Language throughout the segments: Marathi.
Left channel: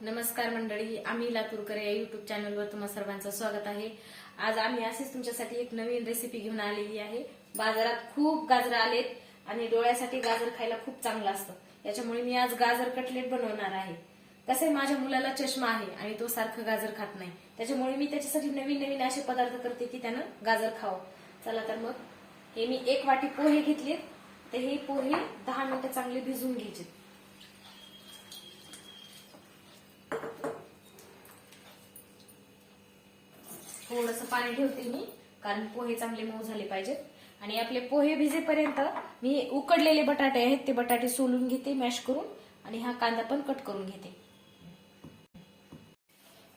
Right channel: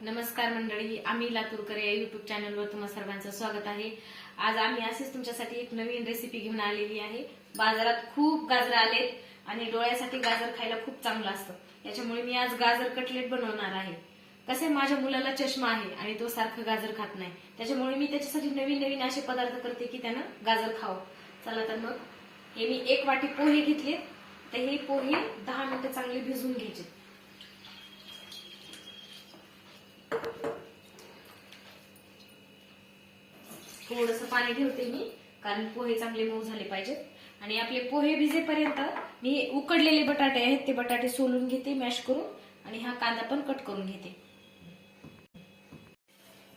नमस्कार मंडळी, आम्ही लातूरकर या युट्यूब चॅनलवर तुम्हा सर्वांचं स्वागत आहे। आज आम्ही असेच तुमच्यासाठी एक नवीन रेसिपी घेऊन आलेली आहे। बाजारात खूप गाजर आलेत आणि डोळ्यासाठी गाजर खायला खूप चांगलं असतं, याच्यामुळे मी आज गाजर कटलेट बनवणार आहे। कसे माझ्या मुलाला चष्मा आहे आणि तो सारखं गाजर खात नाही, त्याच्यामुळे मी त्याच्यासाठी नवीन नवीन असे पदार्थ करते की त्यानं गाजर खावं। चला तर मग हे मी 1 वाटी पोहे घेतले, तर हे पोहे 10 मिनिटं चांगले भिजवून घ्यायचे। थोडंसं पाणी ठेवते मी, कारण पोहे चांगले मऊ झाले पाहिजेत। आणि आपले पोहे भिजेपर्यंत मी उकडलेले बटाटे आहेत ते बटाटे सोलून घेते मॅश करून, आणि हा कांदा पण कट करून घेते।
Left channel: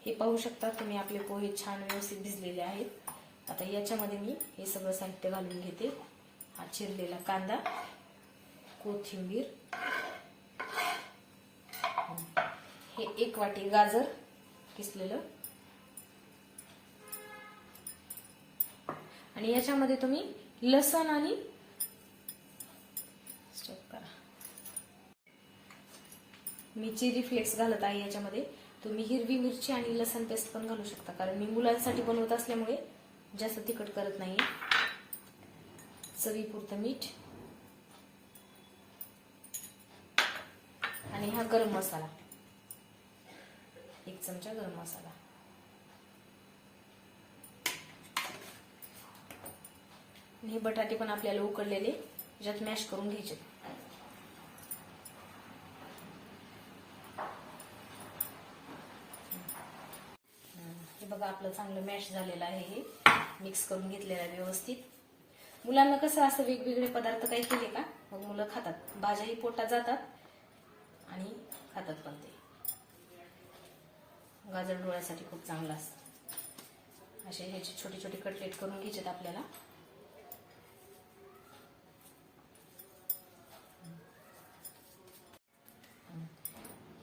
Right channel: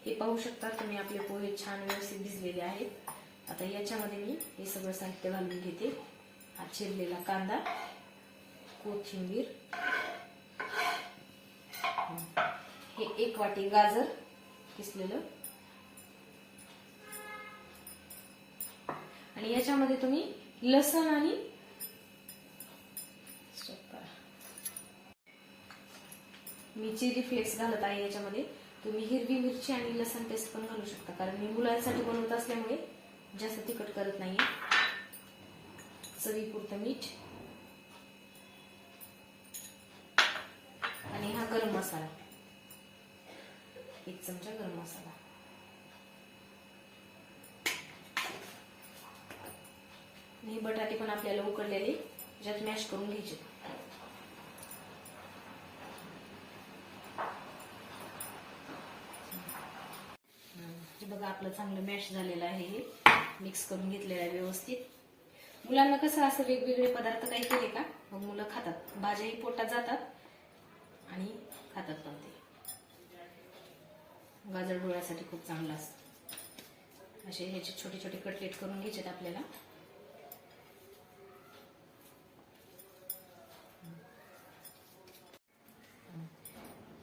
हे पाहू शकता तुम्ही, आपले पोहे छान व्यवस्थित भिजलेले आहेत। आता याच्यामध्ये मी हे सगळं साहित्य घालून घेते। हा चिरलेला कांदा, कोथिंबीर, हे 1 वाटी गाजर किसलेलं, आणि याच्यामध्ये तुम्ही लसण आणि मी चिली फ्लेक्स घालत आहे। याच्यामध्ये तुम्ही हिरवी मिरची आणि लसण पेस्ट पण घालू शकता, कारण मी मुलांसाठी बनवत असल्यामुळे जास्त तिखट करत नाही। चवीपुरतं मीठ आणि हा गरम मसाला, 1 चमचा गरम मसाला। हे बटाटे पण आपल्याला उकडलेले याच्यात मॅश करून घ्यायचे। हे बघा, आपलं चांगलं मॅश झालेलं आहे। हे मिक्स करून घेतलेलं आहे व्यवस्थित। मुलांना कसं असं वेगवेगळे पदार्थ काही केले का मग मुलं खातात, भाज्याही पोटात जातात आणि खातात पण ते। गाजर डोळ्यासाठी खूप चांगलं असतं। असे ह्याचे छोटे छोटे कटलेट करून घ्यायचे आपल्याला।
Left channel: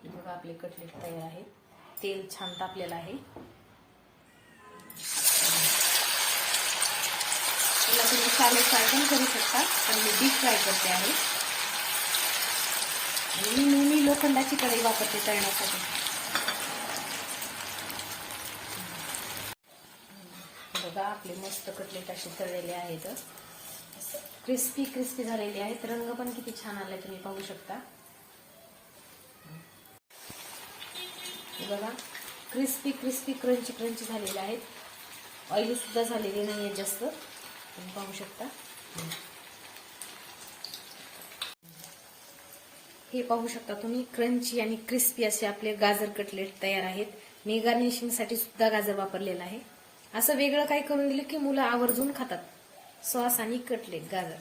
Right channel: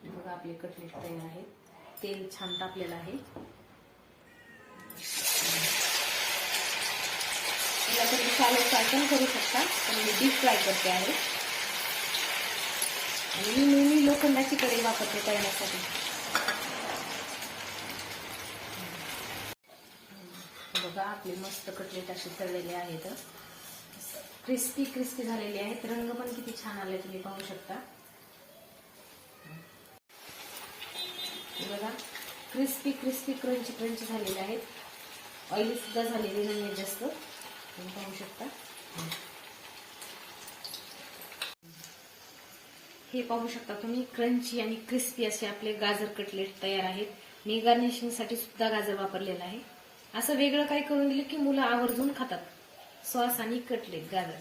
बघा, आपले कटलेट तयार आहे। तेल छान तापलेलं आहे। याला तुम्ही शॅलो फ्राय पण करू शकता, पण मी डीप फ्राय करते आहे। आणि मी नेहमी लोखंडाची कढई वापरते तळण्यासाठी। बघा, आपले मस्त कटलेट असे तळलेले आहेत, क्रिस्पी क्रिस्पी झालेले आहेत। रंग पण किती छान आले तुम्ही पाहू शकता। बघा, क्रिस्पी क्रिस्पी क्रंची क्रंची झालेले आहेत, ऑइली सुद्धा झालेले नाहीये जास्त, तुम्ही पाहू शकता। हे पाहू शकता तुम्ही, क्रंची आणि क्रिस्पी असे आपले गाजर कटलेट तयार आहेत। मी गार्निशिंग साठी सुद्धा गाजर वापरलेला आहे। असं वेगळं काही करून दिलं की मुलं आवर्जून खातात। सॉस आणि कटलेट गाजर।